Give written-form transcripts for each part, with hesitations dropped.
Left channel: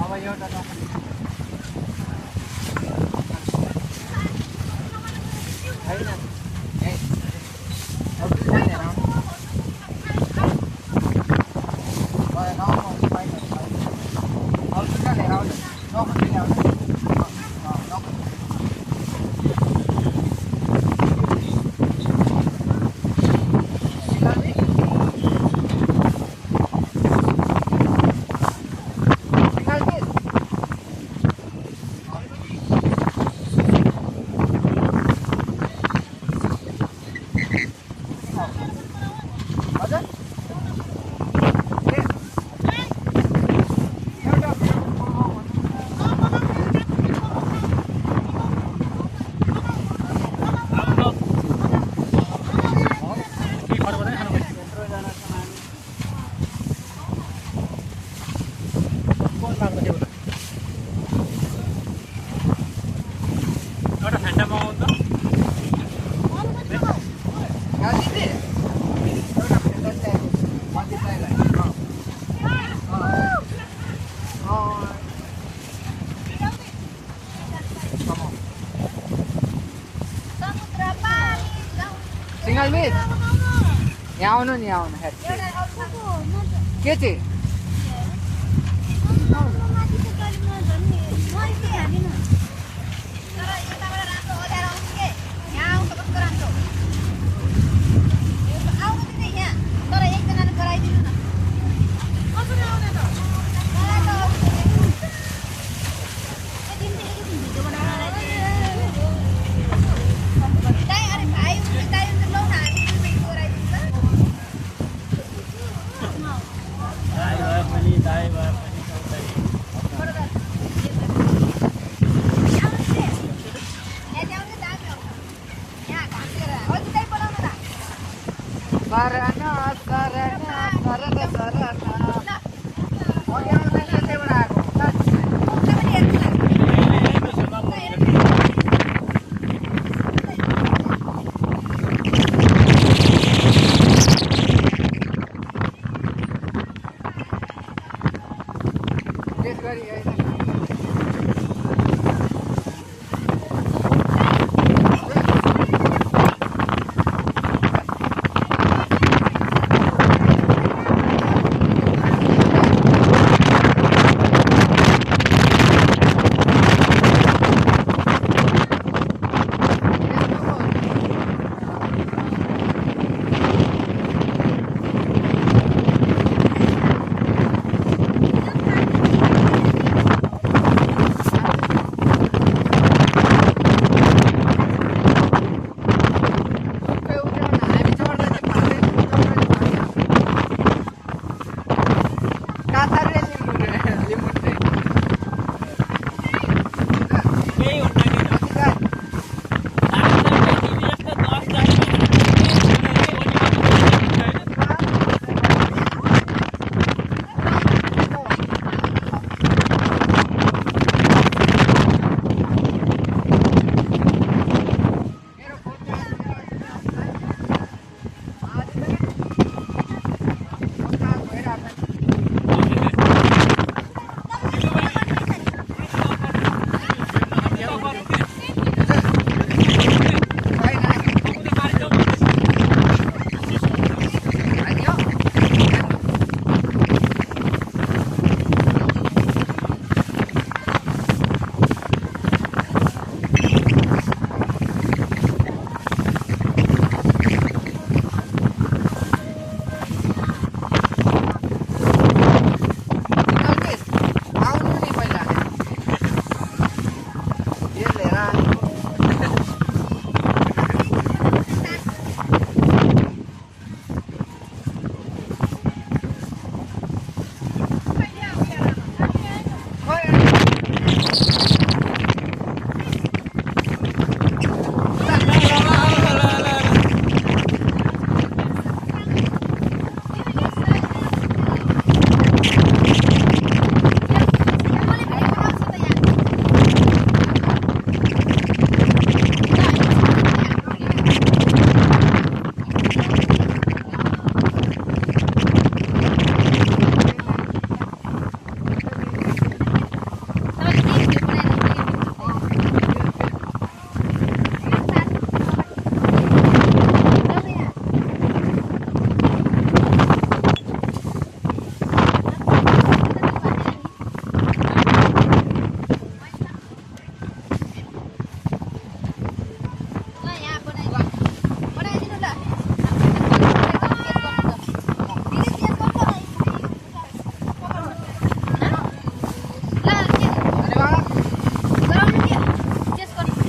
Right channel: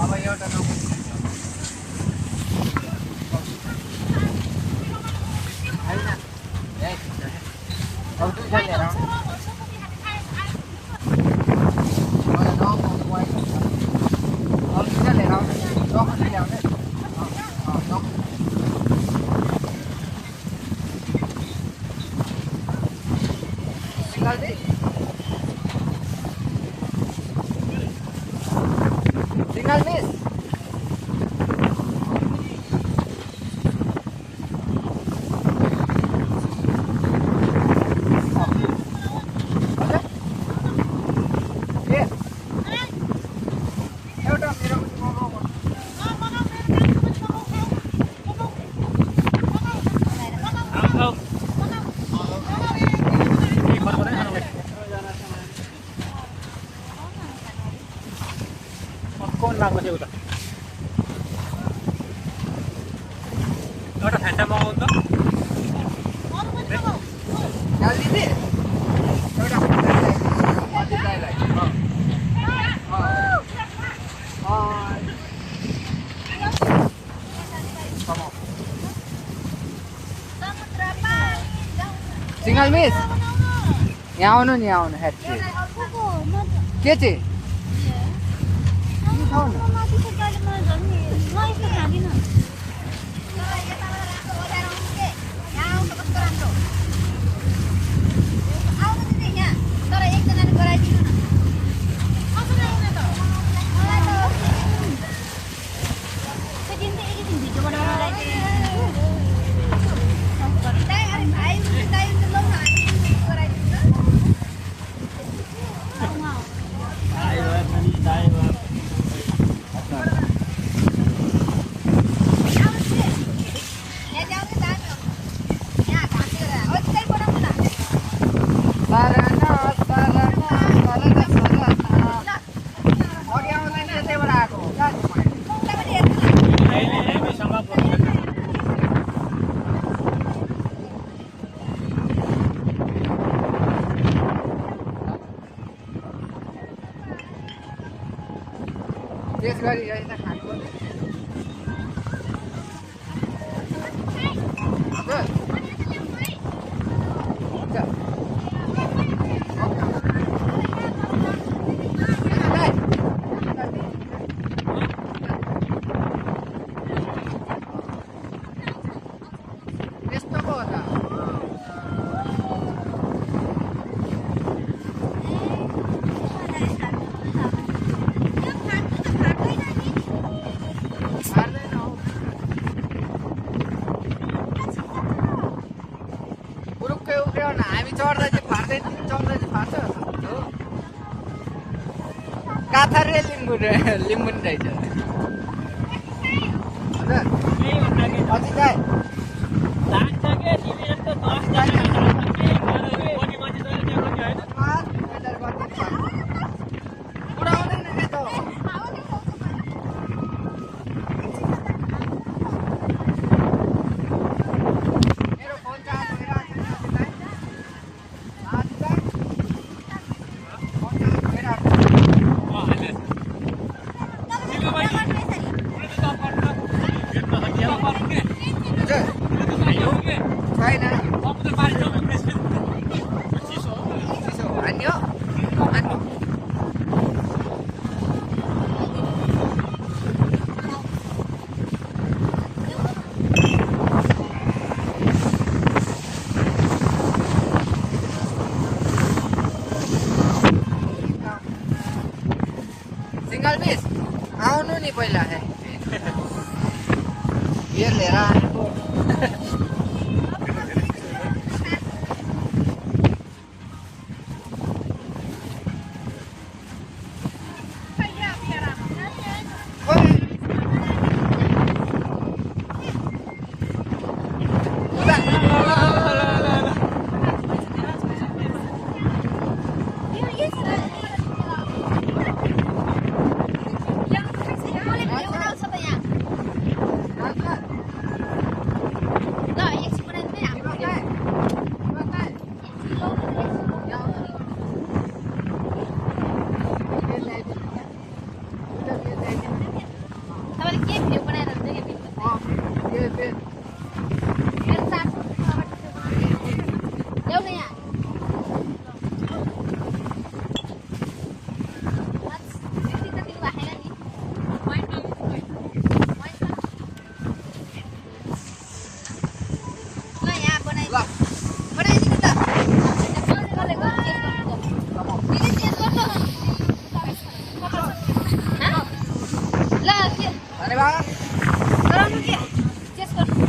अब एउटा लाग्ला के उता एउटा ठ्यान्डा मगाउ त सिंगल मिस यहाँ आउनु नि आउनु ह्याट्री के चाहिँ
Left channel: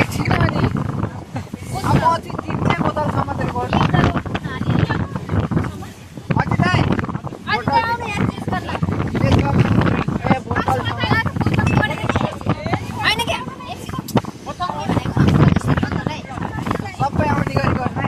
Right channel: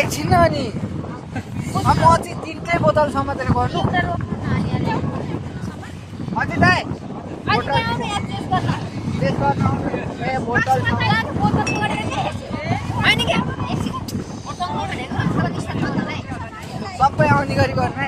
एकछिन अनि अब अझै 3 बोतलसम्म त गर्नु अझै दाइ सबै आउने गरी गर्ने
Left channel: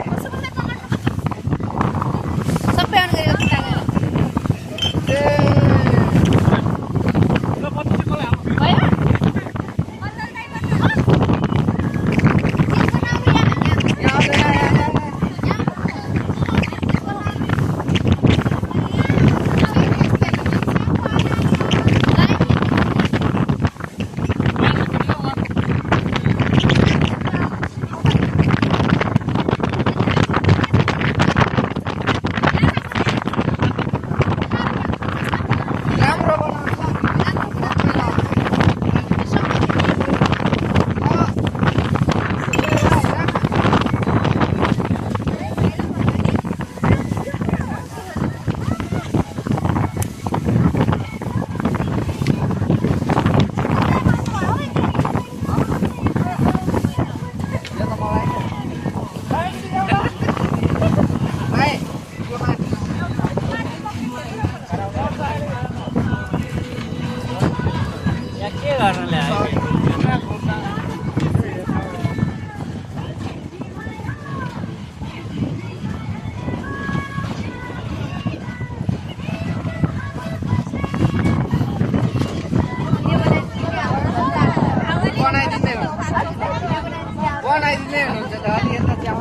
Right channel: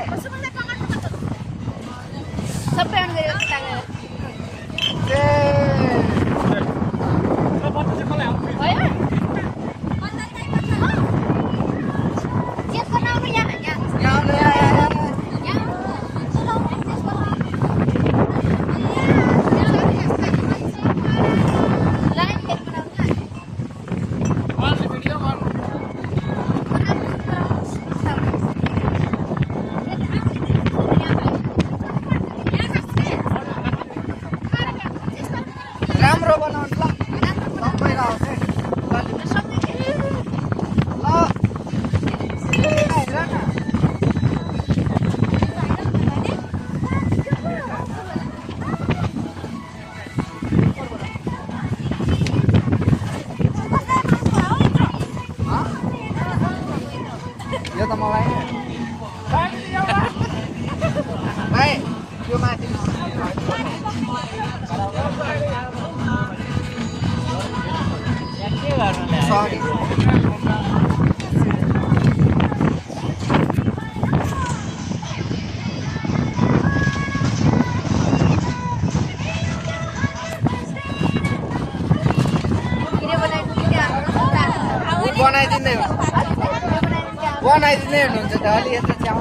बनाइदिँदै हुनुहुन्छ त अलि यता च्याउ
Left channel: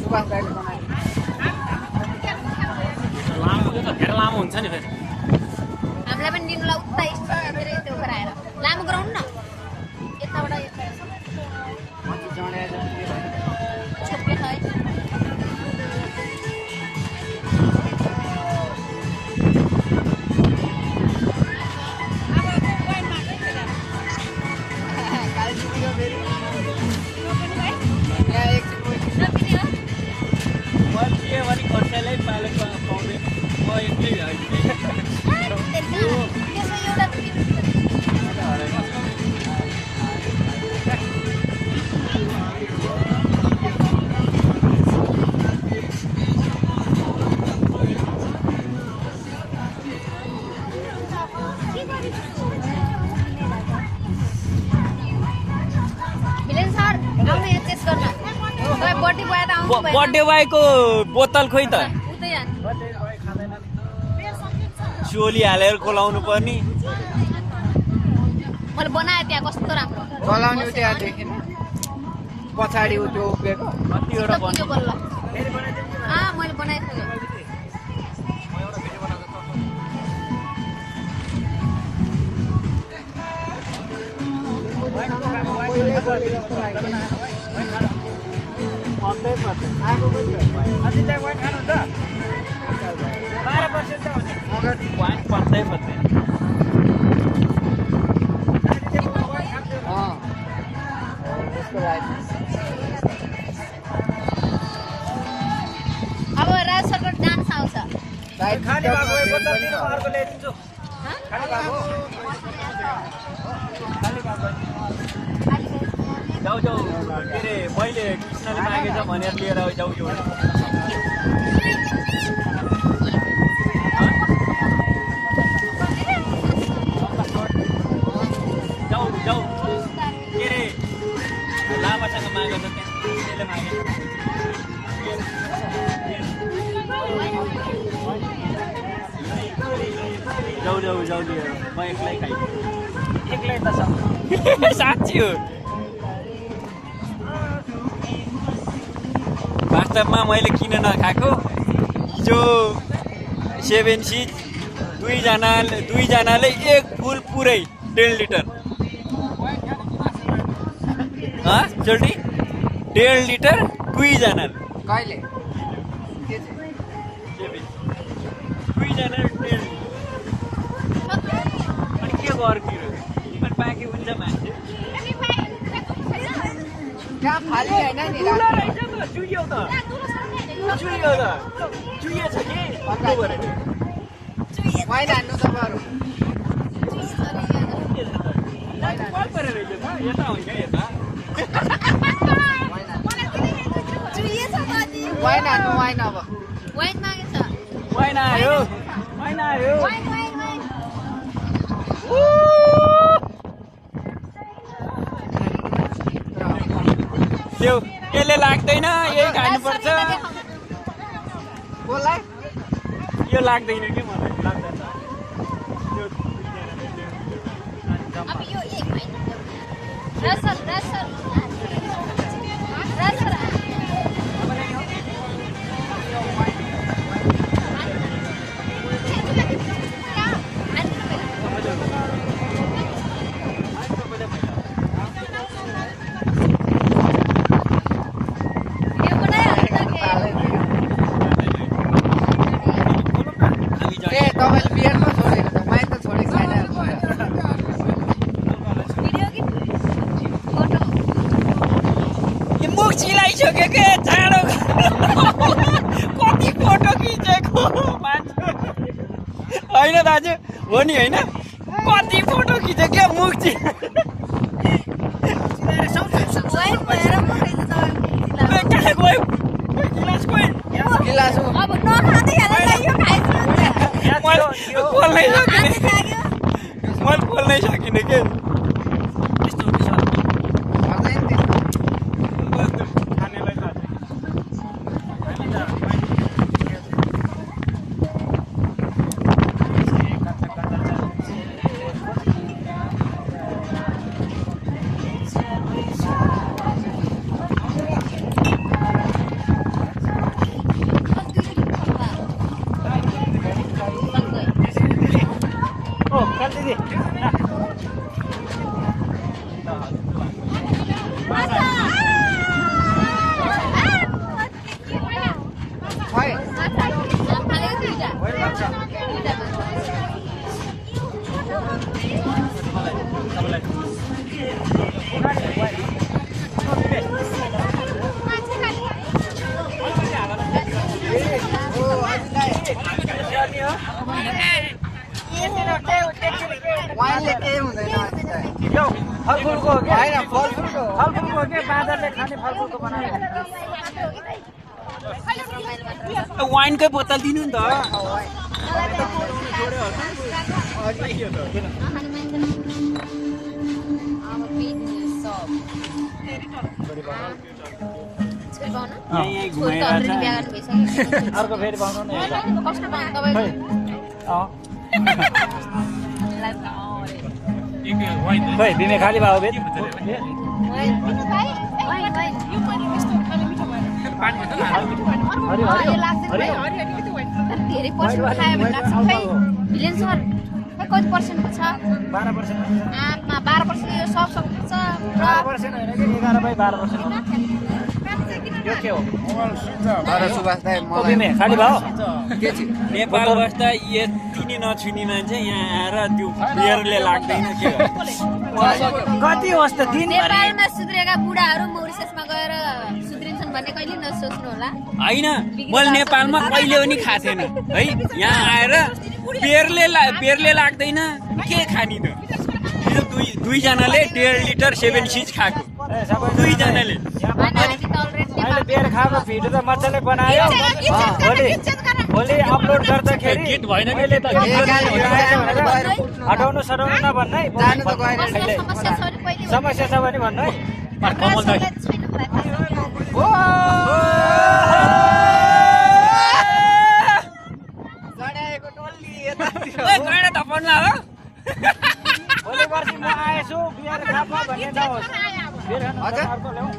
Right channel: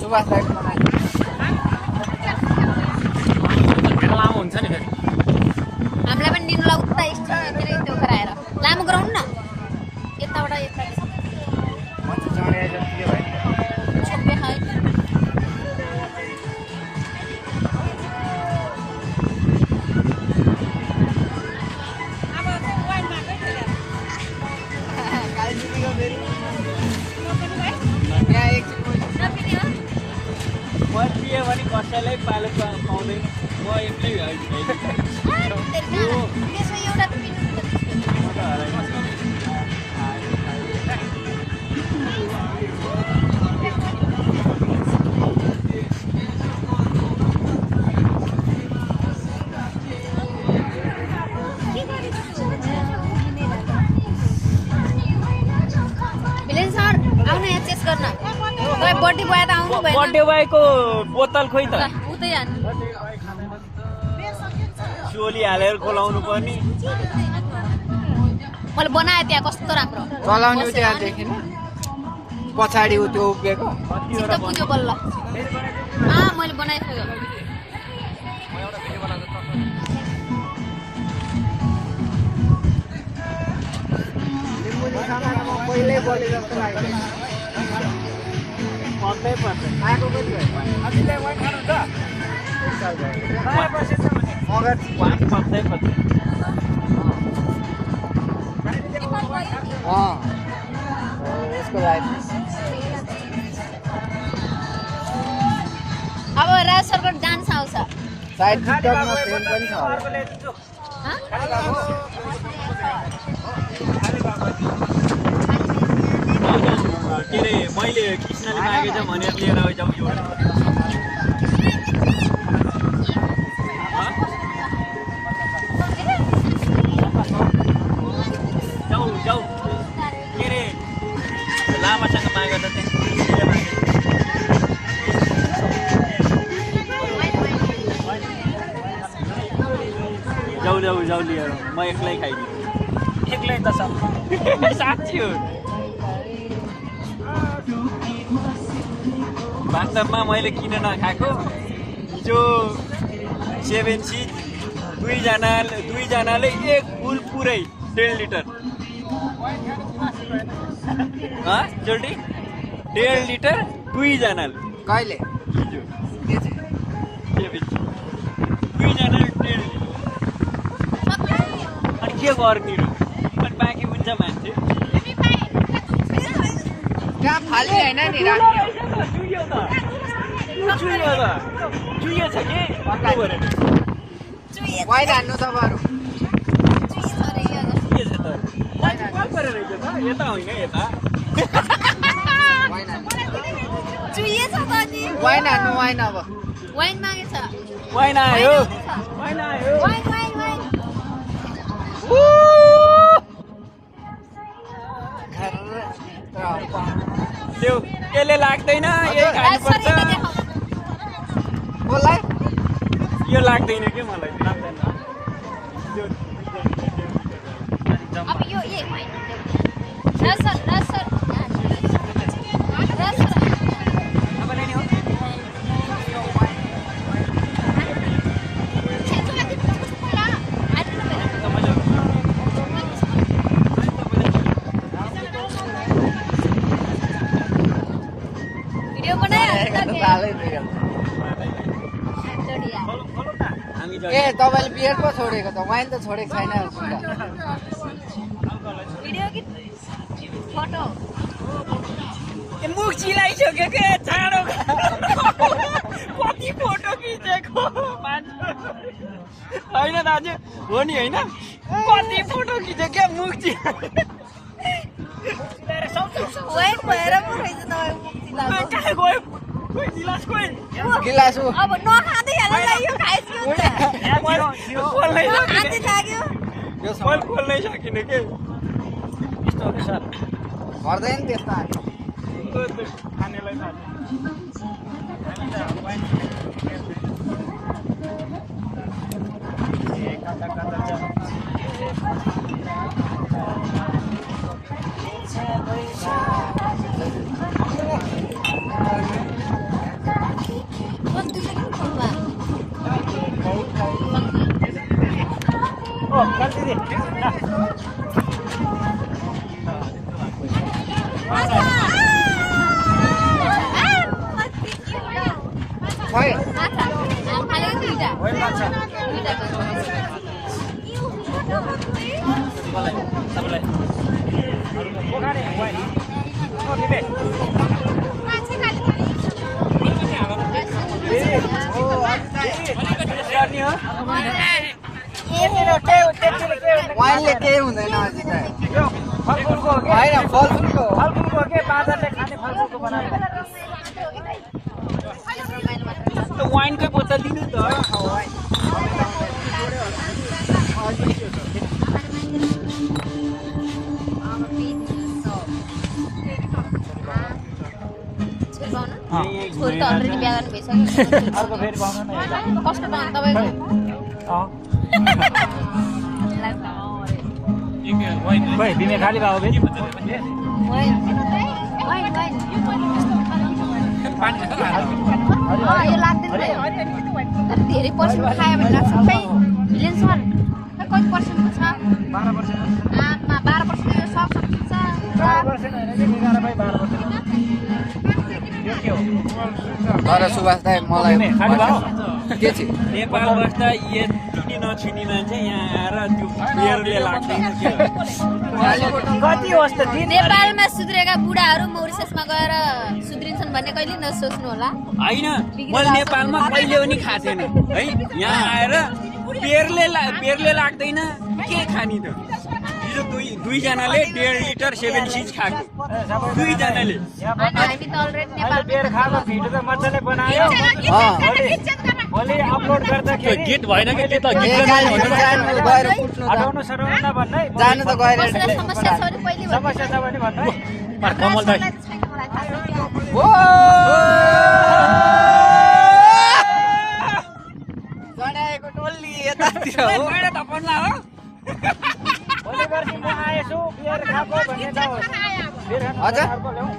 सुभाष दाइले धेरै लामो हुन्छ नि फेरि हामीलाई पनि निनुलाई उता त्यो गराएर लामो गराउनु न यताबाट यता भने कसैलाई पालो पाउँदैन म एक्लै त्यसमा एउटा बर्थडे बोयको बोतल खोइ त चोली हालेर खोलाउनु पर्ने मैले बनाएँ त्यहाँ कस्तो राम्रो चलाउने त्यहाँ देखिन पछाडि त्यो उभिएको पुग्यो बल्ल मैले बनाइसकेँ पहिल्यै बढे जस्तो लाग्यो आएको कति भयो अझै वाइन खानुहुन्छ बाह्र पर्सेन्ट छ भने मगर पत्तै पत्तै यसको लागि अब राज सरको डान्स आउँछ साइड टिकटकमा सेल पनि छ के अरे मैले कृष्णले मागेछ भनेर लिएर जाउँ एउटा जाऊ जाऊ के अरे लामासँग मागेर जाऊ जाऊ जाऊ लिएर म एक्लै खाइदिएँ एक्लै त छ साँच्ची हो वास्तवमा मैले किन नखाएको हिजो 7 सिट दुईजनाले एक फुल पुरै 1.5 लिटर जल्दी 1.5 लिटर दुईजनाले कहिले दुईजनाले 1.5 अनि के गर्दिनु अनि बाँकी हुन्छ मान्छे कहाँ फाली होइन नि राख्नु चुयो त चुयो छ के पहिला हान्नु तपाईँहरू कल परेर रहेछ त यता होइन यता चुइएछ त अनि वाइन हान्नु वाइन अब वाइन मागेछ वाइन आयो वाइन आयो वाइन वाइन वाइन त्यो यसले लाग्दैन यही खानुपर्छ बोलाई यो लाग्दैन के मलाई अब यो ए रसर रसर रसर भिडियो बनायो ए तपाईँले बियर पो छोडेको त वाइन त छोडेको छैन भिडियो कि फोटो मुख चिलाइसक्यो के जाडो कति फोटो खिचेको होइन दाजु हो नि होइन कति फोटो खिचेको क्या मुख वाइन भएर पो रहेछ कहाँ गयो गिलास कोही गिलास हो अब नखाँदै हाल्दा यो खाइसक्यो नि त खोल्नै खाँदै सकिनँ लाग्यो मैले खोल्नै सकिनँ के हर्दैन त्यसमा खै वाइनले केही हुँदैन फलफुलको हो कि होइन फलफुलको फलफुलको हो कि बाँदरले खाने फलफुलको बनाएको वाइनकै बोतल दिनु नि त अर्को फेरि बनाउनु खोइ बिमे खाली भयो फेरि धेरै पर्सेन्ट खायो भने लाग्छ खै भिलेन सर खै कति पर्सेन्टको छ 12% यो सब सक्छ 12% होइन कि 11/12% यो के हो तर सुभाष दाइ मलाई बिमे खाली भयो के छ नेपाल बस्दा यति नछुनी मान्छे यहाँ आएर त्यो बियरले लाग्दैन के कति होस् त दिन नेपालमा सुध्रेका बुढाहरू मौरिससमा गएर सुध्रिन्छन् भन्ने कहिले नसोच्नु होला होइन मैले नेपालमा कहिले पनि खाएको थिएन है यहाँ आएर बेरले लाग्दैन के खाने त यो दुईजनाले 1.5 लिटर 7 सिज खाएको दुईजनाले होइन हामी त अलरेडी नेपाल बियर खाएको भिडियो त मजाले बनायो भोलि अपलोड गर्दाखेरि गीत भएन कि त्यो त हटाउनु सटाउनु नभन्नै जानु त गएर समस्या छ भने पहिले समस्या छ भने भन्नु है कमल दाइ छैन मलाई थाहा छैन। गडाएको टोल्ली यतातिर गएर त पन्ला हो भोलि पर्सि म आएछु बियर खाएको भन्ने नहोस् बियर खानु हजुर। अर्को ल्याउँ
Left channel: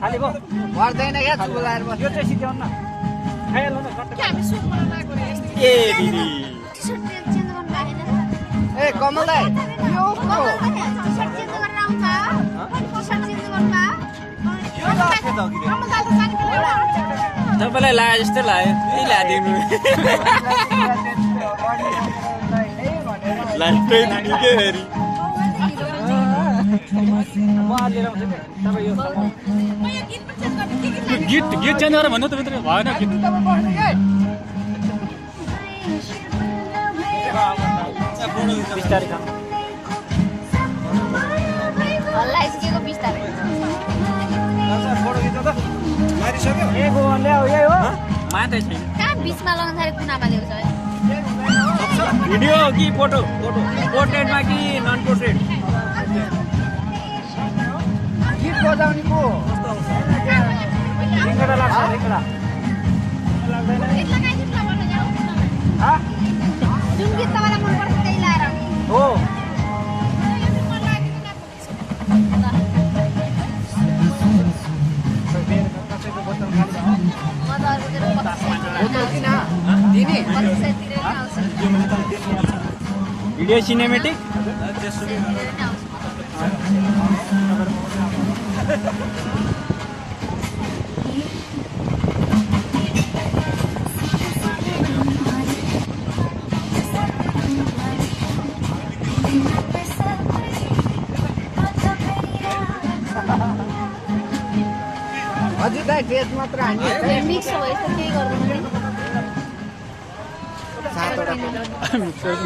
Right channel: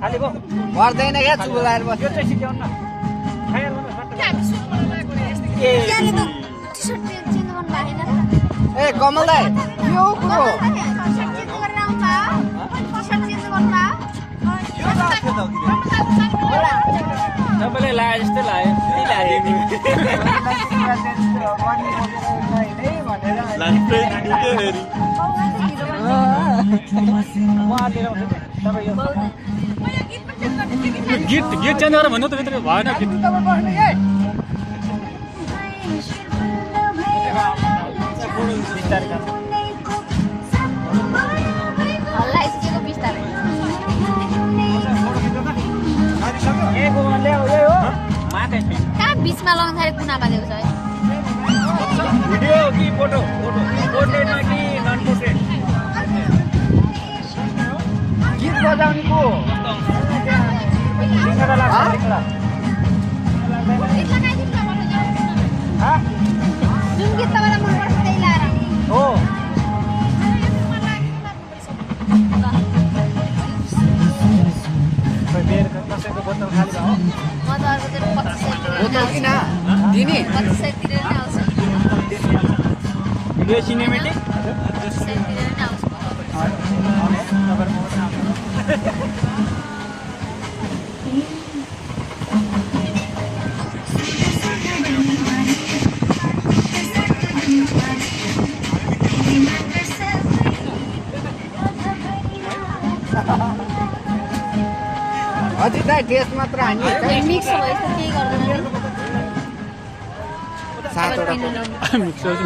खाली भयो पर्दैन क्या चुलाएर बस्नु यो चाहिँ सिध्याउनु न खाइहाल्नु न ए टी-सर्ट चेन्ज गर्नु लागेन र? ए कमल दाइ यो को हो? टी-सर्ट चेन्ज गरेर आउनु भयो? टी-सर्ट चेन्ज गर्नु भयो? तपाईँलाई लाए जस्तो लाग्यो यही ल्याइदिनु लाग्दै नि के फेरि म आएर आउँछु तपाईँ यो गीत चेन्ज गरेर भन्नु त भएन गीत बिस्तारै खानु बिस्तारै माथि छैन कहाँ बिचमा लगाउँदाखेरि कुना बालेको छ भिडियो हो कि फोटो पोर्ट्रेटमा कि नन पोर्ट्रेट गीत बजाउने को सिङ्गडा लाग्छ सिङ्गडा जुन गीत तपाईँलाई मनपर्छ त्यही लाएर हो कसैको बोतल खाली भयो म त अर्कोतिर 25 बोतल किन दिने 25 तिर नै आउँछ भिडियो सिनेमेटिक 25 तिर नै आउँछ अझै दाइ ड्रेस मात्र हानि मिक्स भएपछि केही गर्दैन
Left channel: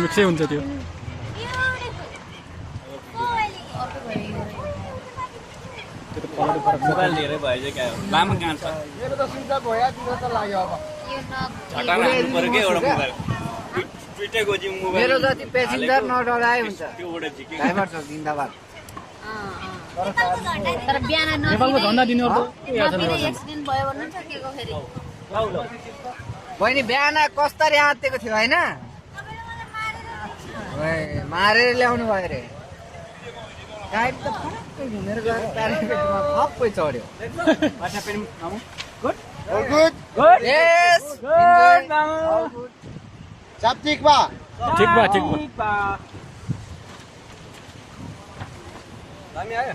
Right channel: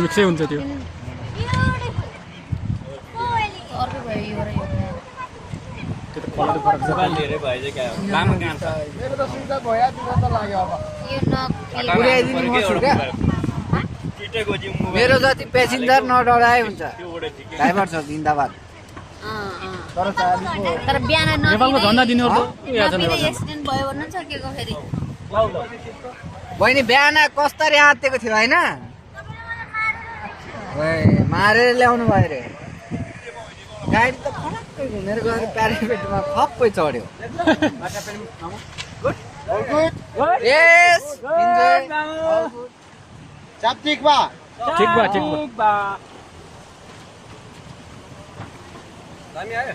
मिक्सै हुन्छ त्यो त्यो त कलर फरक छ मोबाइल धेरै भयो चाहिँ क्या लामो गान्छ मेरो त सुन्दा भयो तिम्रो त लाग्यो अब दुइटै गोजी मोबाइल मेरो जति प्यासेन्जर नडराए हुन्छ त्यो उडे जिके ड्राइभर छ जिन्दाबाद तर बिहान नेपालको झन्डा दिनेहरू त याद छ नेपाल झन्डा एक्सिडेन्ट भयो भन्नु छ के को फेरि बहिनी बिहान कस्तरी आत्तेको थियो होइन मारेर ल्याउनु भयो रे गाडी त फटक्कै घुमेर गएर प्यारापेटमा खप्पै चढ्यो ठिक बा दामी आयो